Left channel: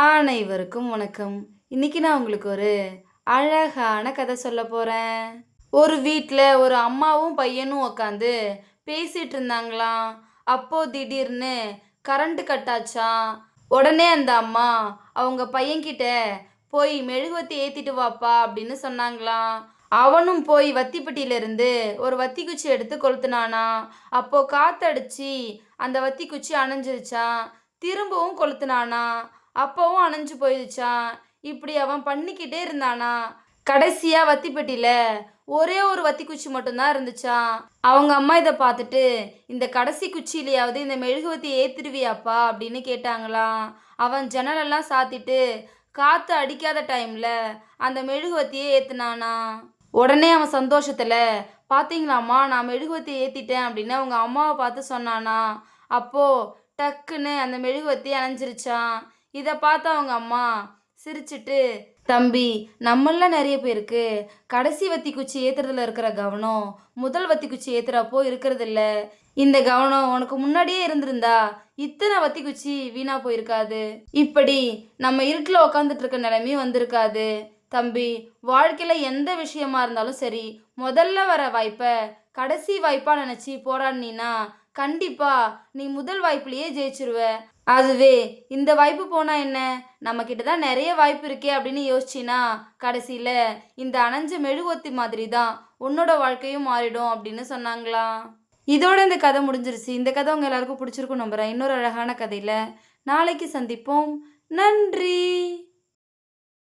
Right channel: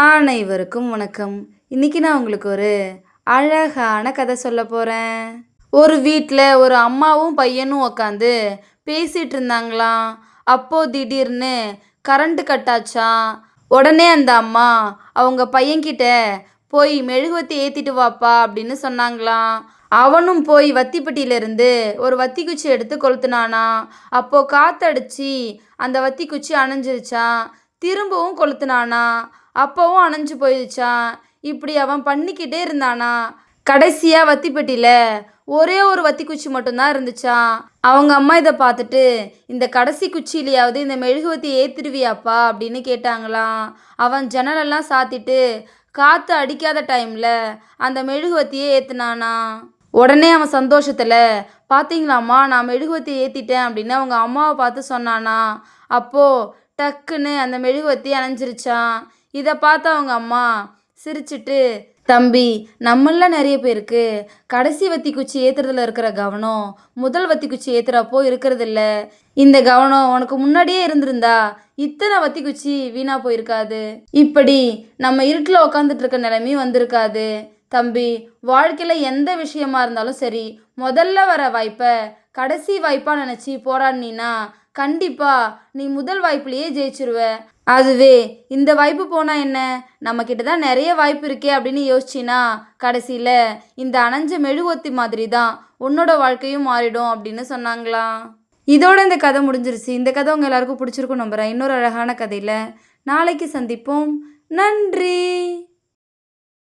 அனைவருக்கும் வணக்கம். இன்னைக்கு நான் உங்களுக்கு ஒரு அழகான கதை சொல்ல போறேன். ஒரு வீட்ல ஒரு அம்மாவும் பையனும் உக்காந்து பேசிட்டு இருந்தாங்களாம். அப்போ திடீர்னு கரண்ட் கட் ஆச்சாம். உடனே அந்த அம்மா அவங்க பையன்கிட்ட போய் மெழுகுவத்தி ஏத்திட்டு வாப்பா அப்படின்னு சொன்னாங்களாம். அவனும் போய் வத்திப்பெட்டியில இருந்து ஒரு வத்தி குச்சி எடுத்து கொளுத்துனானாம். அப்போ காத்தடிச்சு அந்த வத்தி குச்சி அணைஞ்சிருச்சாம். திரும்பவும் கொளுத்துனானா, அப்பவும் அணைஞ்சு போயிடுச்சான். இப்படி அவன் பண்ணிக்கிட்டே இருந்தானா. கடைசியா வத்திப்பெட்டியில ஒரே ஒரு வத்தி குச்சி மட்டும்தான் இருந்துச்சான். அவங்க அம்மா இதை பார்த்துட்டு, இந்த கடைசி குச்சியிலையாவது இந்த மெழுகுவத்தி ஏத்திடுவியாப்பா அப்படின்னு கேட்டாங்களாம். அவன் ஜன்னலெல்லாம் சாத்திட்டு காற்று அடிக்காத டைமில் அந்த மெழுகுவத்தியை ஏற்றுனானா. உடனே அவன் சந்தோஷத்தில், பார்த்தீங்களாம்மா நான் மெழுகுவத்தி ஏற்றிட்டேன் அப்படின்னு அவங்க அம்மாவை பார்த்து சொன்னானா. அப்போது டக்குன்னு அந்த மெழுகுவத்தி அணைஞ்சிருச்சான். இதை பார்த்து அவங்க அம்மா சிரிச்சிட்டு, தம்பி, நம்மள நிறைய பேருக்கு கடைசி வத்தி குச்சி ஏற்றுறதுல இருக்கிற கவனம் முதல் வத்தி குச்சி ஏற்றுறப்போ இருக்கிறது இல்லை. இந்த கவனம் உனக்கு முன்னாடியே இருந்திருந்தா இத்தனை வத்தி குச்சி வீணா போயிருக்காது. இப்படி நம்ம இருட்டில் உக்காந்துட்டு இருக்க நிலைமையும் வந்திருக்காது. தம்பி, வாழ்க்கையில் எந்த விஷயமா இருந்தாலும் சரி, முதல்ல வர வாய்ப்பை கடைசி வாய்ப்பாக நினச்சி போராடினா கண்டிப்பாக நீ முதல் வாய்ப்புலேயே ஜெயிச்சிருவ. அதுவே இந்த வாய்ப்பு போனால் என்ன, நம்மக்கிட்ட தான் நிறைய வாய்ப்பு இருக்கே அப்படின்னு யோசிச்சின்னா கடைசியில் இந்த அணைஞ்ச மெழுகுவத்தி மாதிரி தான் உன்னோட வாழ்க்கையும் மாறிடும் அப்படின்னு சொன்னாங்களாம். இதோட இந்த கதை முடிஞ்சிருச்சு. இந்த கதை உங்கள் எல்லாருக்கும் பிடிச்சிருக்கும் நம்புகிறேன். இன்னொரு அழகான கதையில் நாளைக்கு சந்திப்போம். நன்றி.